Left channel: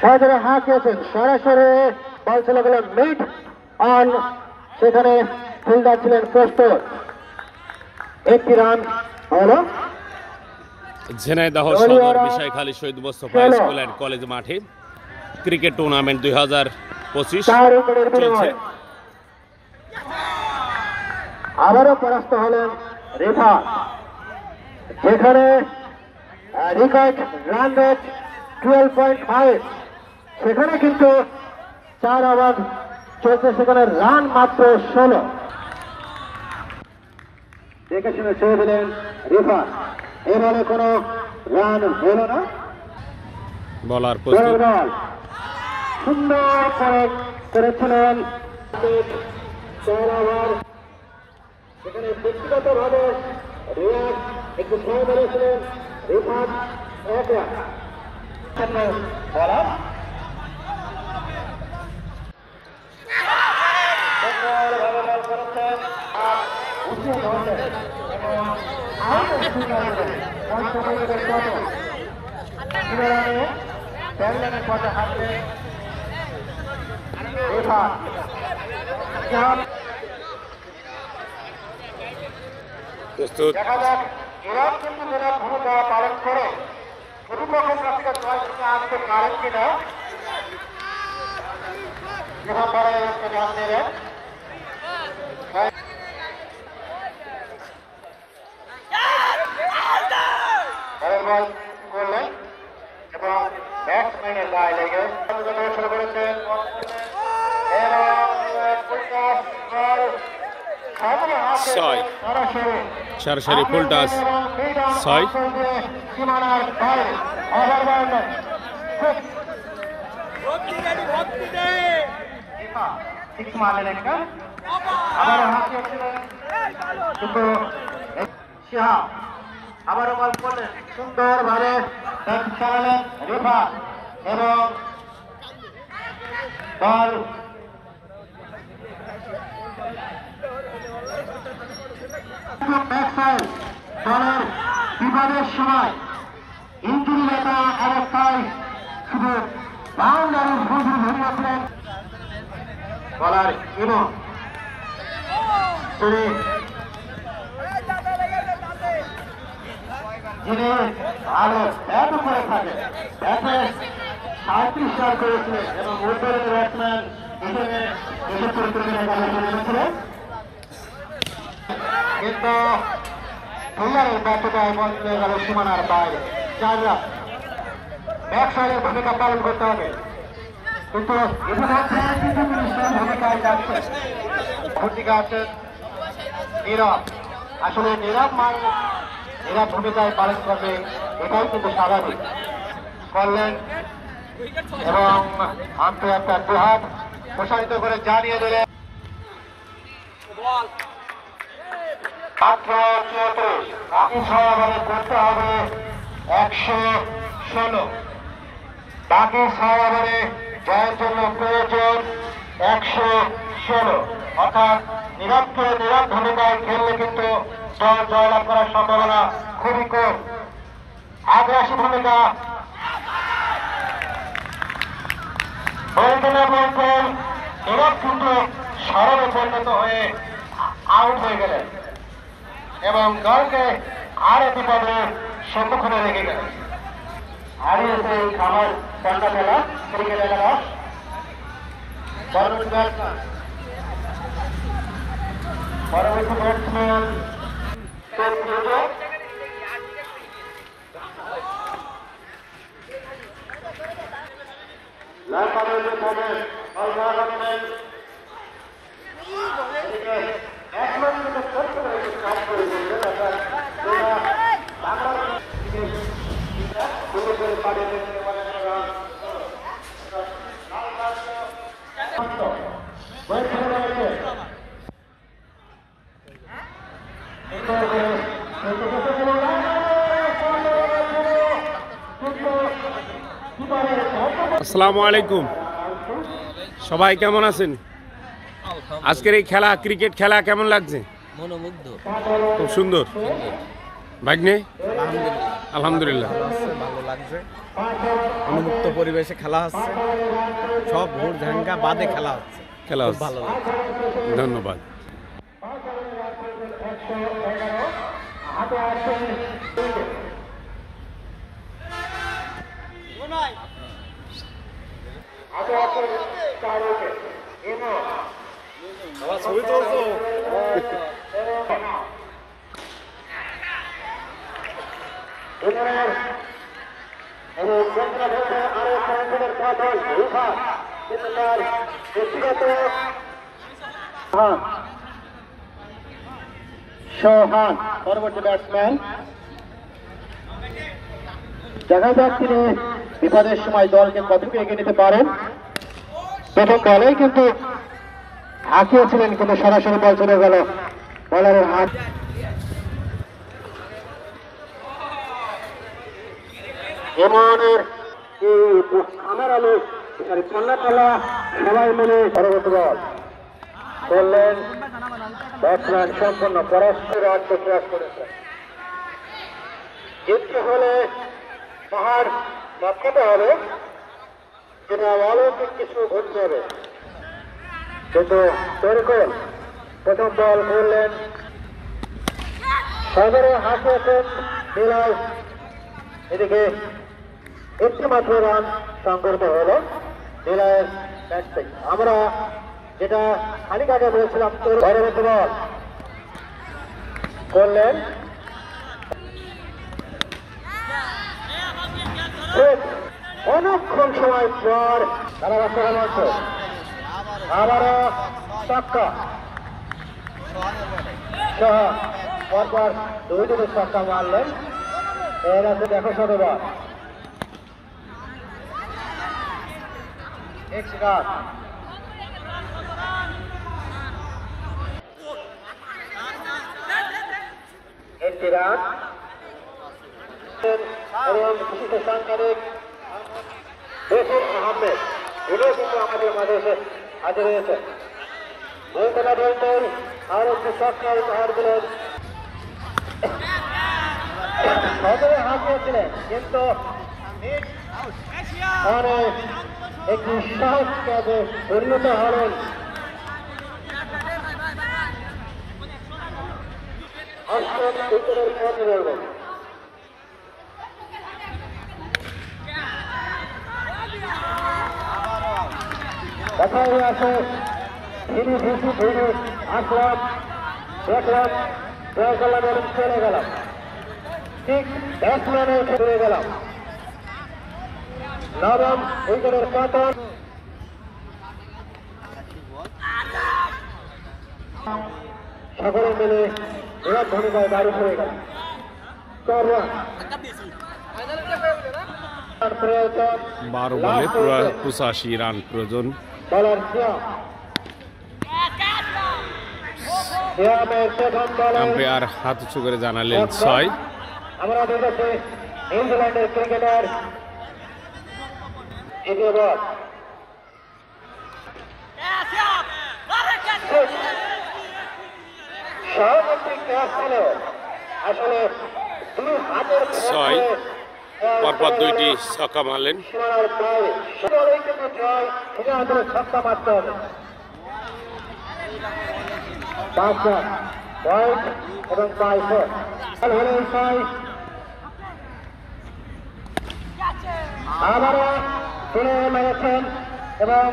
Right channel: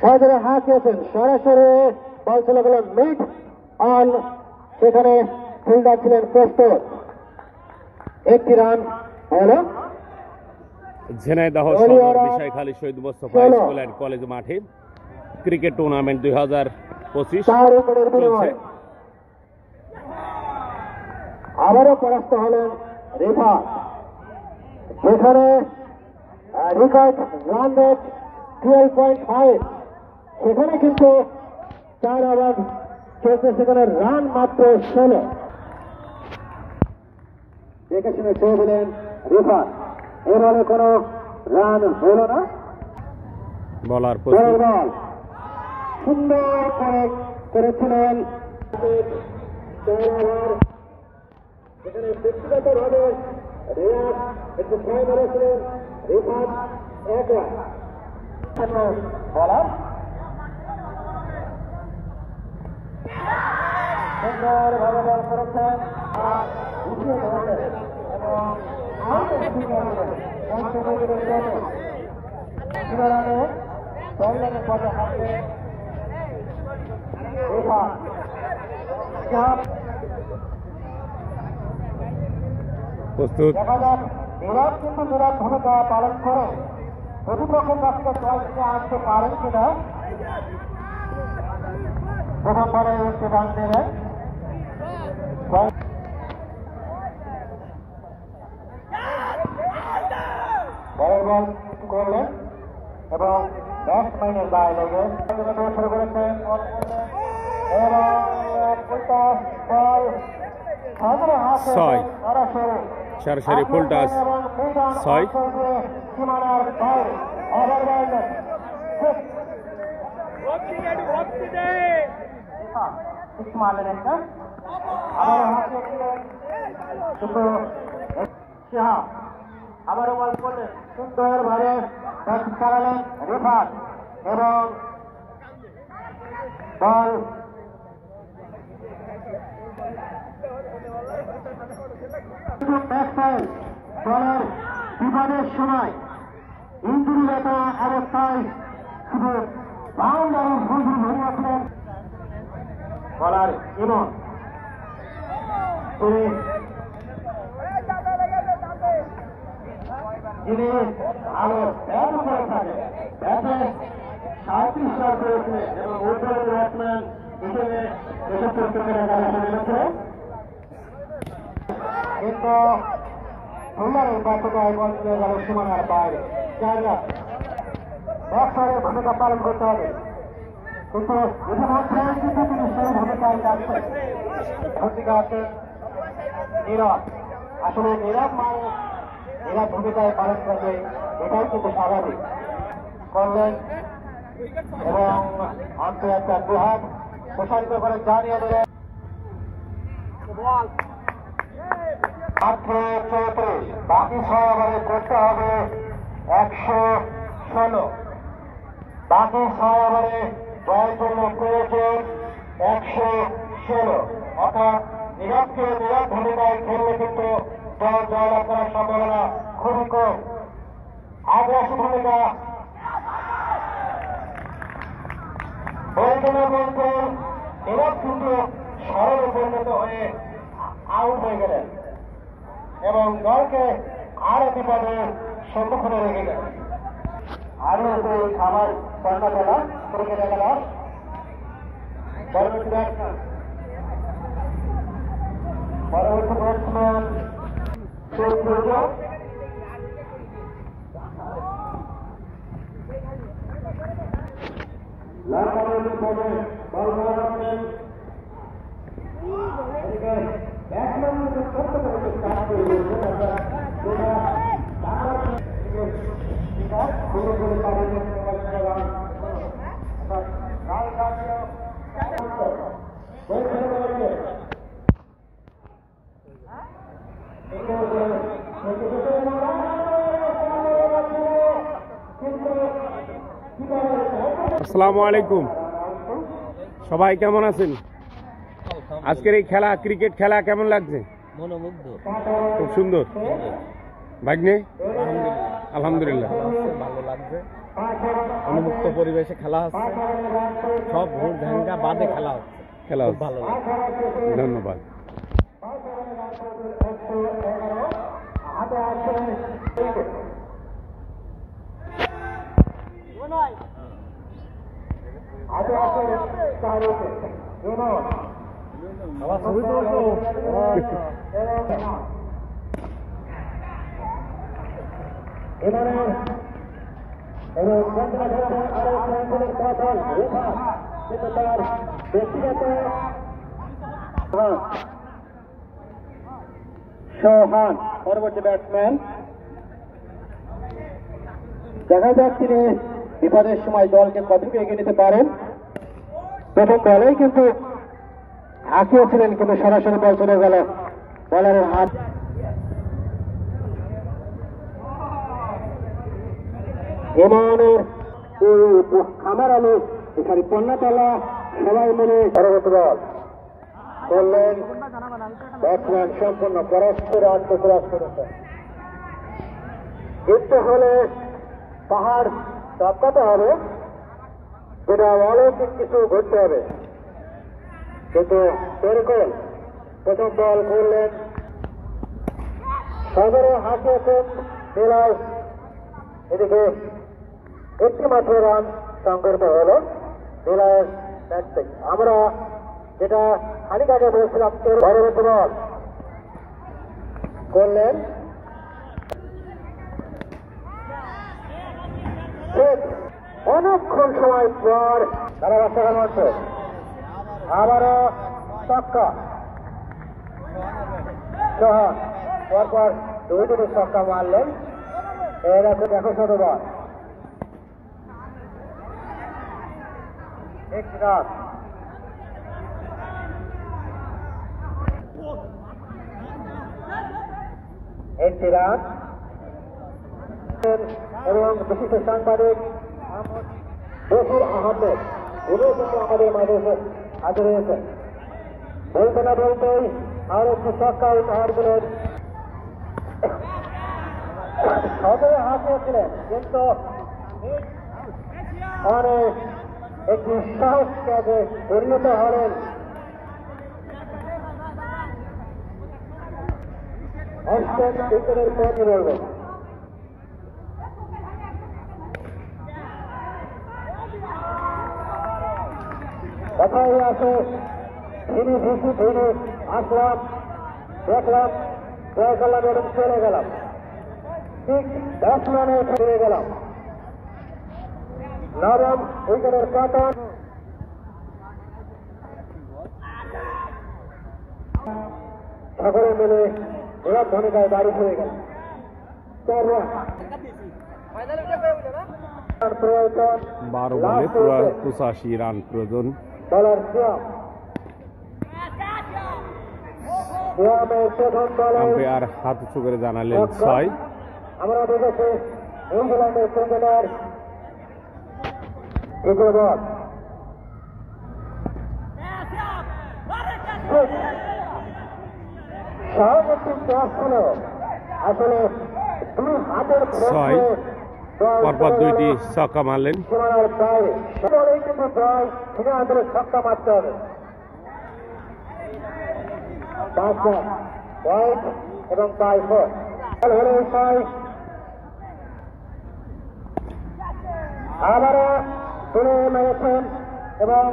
সহজে হাঁকিয়েছেন, সরাসরি বল চলে গেল মিড অন, সেখানে ফিল্ডার ছিলেন প্রস্তুত। একটি রান হলো ঝিনাইদহ সদর বিষয়খালী শহীদ মোস্তফা স্কুল অ্যান্ড কলেজ মাঠে ক্রিকেট টুর্নামেন্ট 2025 চলছে। আবারও পরাস্ত হলেন রিফাত, যেখানে রেকর্ড রান রেট 12.5, সেখানে কিন্তু 4 ওভার চলছে, সেখানে রান মাত্র 16। দেখে শুনে ছেড়ে দিলেন রিফাত, এ বলে কোনো রান হলো না। বলার প্রস্তুত, সুন্দর করেছিলেন 4 ওভার, সেখানে ব্যক্তিগত ভাবে রিয়াজ একটু ছয় মেরেছিলেন, রিফাত 1 রান। প্রস্তুত, এরা কিন্তু যারা ভূমিকা পালন করে প্রতিপক্ষের কাছ থেকে জয় নিয়ে আসতে পারেন কিনা, প্রথমবারে রান দিলেন বল করলেন এবং ব্যাটসম্যানের গায়ে লেগে শুরু করেছেন ছয়, সরাসরি ফুল টাচ 6। আবার বল করলেন সুন্দর ভাবে রিফাত এবং বল দলের বিবাদের সময় ইঞ্জুরিগত অবস্থায় শুধু বাউন্ডারির বুঝি ধরে রাখলেন বলার এবং যিনি ভালো ব্যাট করে থাকেন, ব্যাটে 37 রান করেছিলেন এবং উদ্বোধনী ব্যাটসম্যান হিসেবে দেশের পরিকল্পনা করা করেছিলেন, কিন্তু ফিল্ডারের ব্যাটটায় বল চলে গেল সীমানার বাইরে। 4 রান, ব্যাটসম্যানের ভূমিকা পালন করতে হবে, কিন্তু ভূমিকায় যাচ্ছে ভূমিকা আছে নীরব। আসলে নীরব মানুষ এরা ভূমিকায় পালন করবে, এটাই কিন্তু স্বাভাবিক করলেন এবং আম্পায়ারটা দুহাত প্রসারিত করে জানিয়ে দিলেন মাত্র 34, বাকি 6 ওভারে করতে হবে 116, বাকি 6 ওভারে জয়ের জন্য প্রয়োজন 116, অর্থাৎ নীরব ভূমিকায় খেললে কিন্তু দল জয়লাভ করার সম্ভাবনা খুবই কম। আগ্রাসী ভূমিকা বলতে না বলতে নীরব কিন্তু সরবে পরিণত হয়ে আউট হয়ে গেলেন এবং দলকে আরো বিপদের সম্মুখীনে রেখে গেলেন। আসসালামু আলাইকুম, সবাই কেমন আছেন? আজকের এই খেলা, ক্রিকেট খেলা কেমন লাগছে? মনোমুগ্ধ, খুব সুন্দর। ভাগ্নে আলহামদুলিল্লাহ আলহামদুলিল্লাহ ভালো আছে, ভালো লাগছে। উন্মুক্ত পরিবেশে খেলা হচ্ছে, সব ভোর ঝাঙ্গা বাদে খেলা হচ্ছে, খেলা খুব হচ্ছে। ভালো লাগছে। ধন্যবাদ। ছবি তুলছো? এবং আরো সংসদের পাঠন রূপা কিন্তু তার ব্যক্তিগত সোহান পরবর্তী ব্যাটসম্যান। দেখা যাক তিনি বিপদের সময় দলকে কতটুকু এগিয়ে নিতে পারেন। প্রথম বলেই কিন্তু হাঁকিয়েছিলেন, কিন্তু সরাসরি বল চলে গেল বলারের হাত। এমনের আমার আলো এখানে পণ্যতলা সবাই মিলে পরবর্তী বল করলেন। ব্যাটসম্যান সম্পূর্ণ পরস্পর রাজ্য প্রয়াস করেছেন। জিততে হলে পাহাড় টপকাতে হবে, যেটা অলৌকিক কিছু ঘটতে হবে। কিন্তু তরিকুল প্রথম বল করলেন, সদরে হাসিয়েছেন বিলাল। এদিকে একটি মাত্র রান সংগঠিত হল বিলালের ব্যাট থেকে। আমরা যেটা খানিক আগে বলেছিলাম, তোর পরবর্তী বল করলেন। অনেকক্ষণ সময় পর আবারও ছক্কা। পরপর দুই ছক্কা মারলেন। এরকম দেখো শতবার একটি রান। এবং বিশিষ্ট সাংবাদিক বশির আহমেদ, উনিও কিন্তু আমাদের মাঝে এসে হাজির হয়েছেন। বলতে না বলতেই আরো একটি ছক্কা উপহার দিলেন। সদরে হাঁকিয়েছিলেন, কিন্তু একটি সাহস কাজে পরিণত হলেন। অষ্টম উত্তরের পথ রইলেন। কথাই আছে ধীরে ধীরে ধীরে আসলাম, দেখলাম জয়গোলা বলে চলে গেলাম, ঠিক ব্যাটসম্যানের চলে গেলাম। নবম উইকেটের পতন। সকলে মিলে এরা ভূমিকায় বাড়ি হয়ে গেল। 4 রান। 12 বলে 85 রান প্রয়োজন। বলার সিয়াম। সিয়ামের প্রথম বলে আম্পায়ার হাত উঁচু করে জানালেন 6। আমরা দেখেছি ইংল্যান্ডের ক্রিকেটার এগোবার স্বাভাবিক ক্যাচ ছিল আসলে 2 হাতের 6 পরপর 2টি ছক্কা মারলেন। সীমানার বাইরে সবাই কিন্তু জয় সীমানার ছক্কা মারতে হবে। 5 রান পয়েন্ট এবং 5 ফোর হলে 6। আবারও তুলে মেরেছেন এবং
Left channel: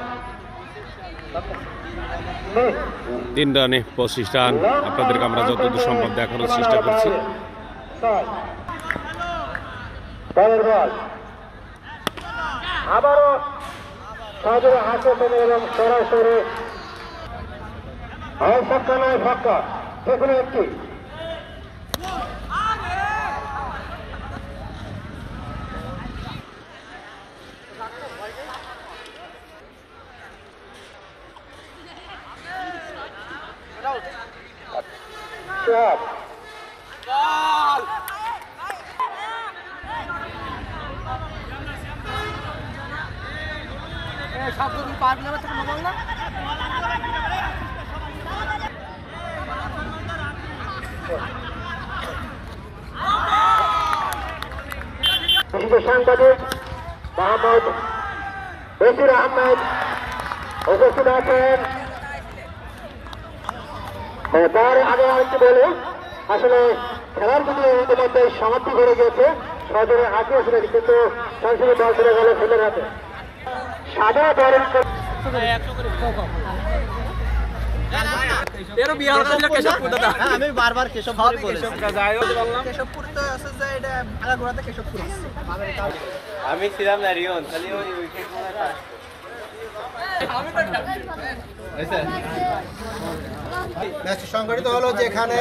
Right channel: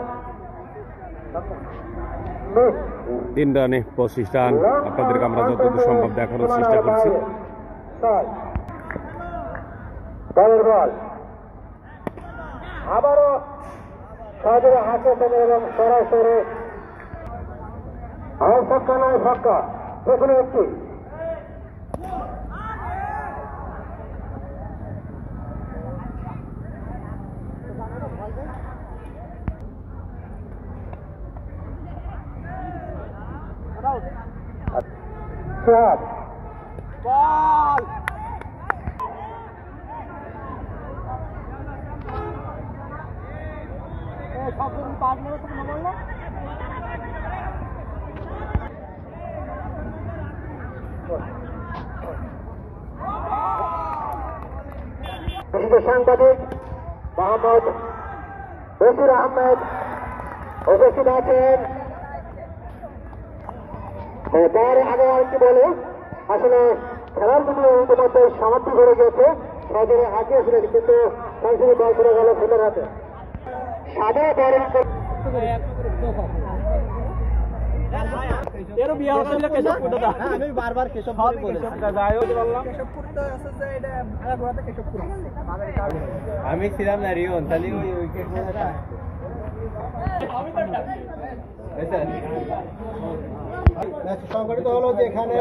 3 রানে 25 রান। আপনাদেরকে আমরা যতদূর সম্ভব দেখানোর চেষ্টা করছি। আবারও সহজে হাতে পেলে এবং সরাসরি ছক্কা নয় ছক্কা, যেগুলো একটি shot. বিশেষ সাংবাদিক মোহাম্মদ বশির আহমেদ উপস্থিত আছেন। তার আগে একটু বলি, আসলে খেলার প্রতি ইতিমধ্যে সমাপ্তি করে গিয়েছে, সদরে আগে আসলে কিন্তু সংসদীয় দল চলে গেল ফিল্ডের হাতে। সাদা দলের আমি বারবার কেশবপুর বলেছি। কেশবপুর তো আছে যে এটা আগাগোড়াতে কেশবপুর আছে। আমি ছিলাম না রিয়ন, তাহলে ওই উইকেট ম্যাচটি সংগঠিত হলো, যেখানে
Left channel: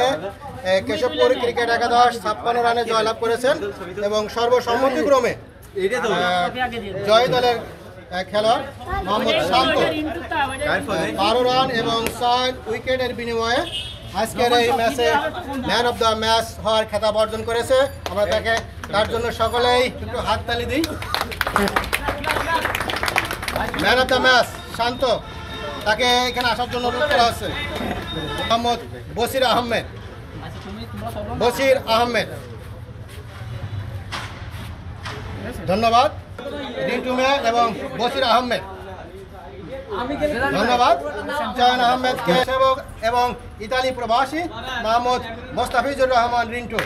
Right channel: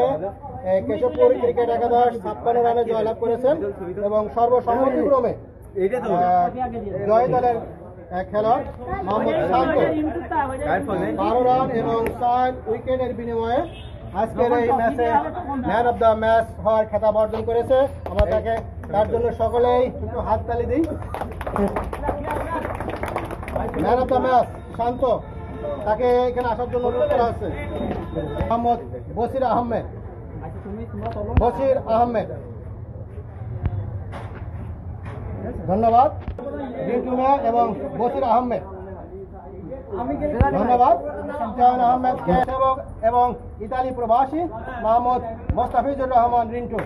কেশবপুর ক্রিকেট একাদশ 56 রানে জয়লাভ করেছেন এবং সর্বসম্মতিক্রমে জয় দলের খেলোয়াড় মোহাম্মদ শান্ত 12 রান এবং 4 উইকেটের বিনিময়ে আজকের এই ম্যাচে ম্যান অফ দ্য ম্যাচ হওয়ার খেতাব অর্জন করেছে। আমরা তার জন্য সকলেই একটু হাততালি দিই। ম্যান অফ দ্য ম্যাচ শান্ত, তাকে এখানে আসার জন্য অনুরোধ করা হচ্ছে। মোহাম্মদ বশির আহমেদ, ধন্যবাদ। রিন্টু মিয়া এবং বশির আহমেদ, ধন্যবাদ। জাহান আহমেদকে এবং ইতালি প্রবাসী মোহাম্মদ মোস্তাফিজুর রহমান রিন্টু,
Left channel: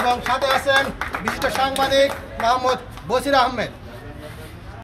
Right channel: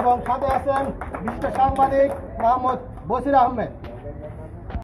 এবং সাথে আছেন বিশিষ্ট সাংবাদিক মোহাম্মদ বশির আহমেদ।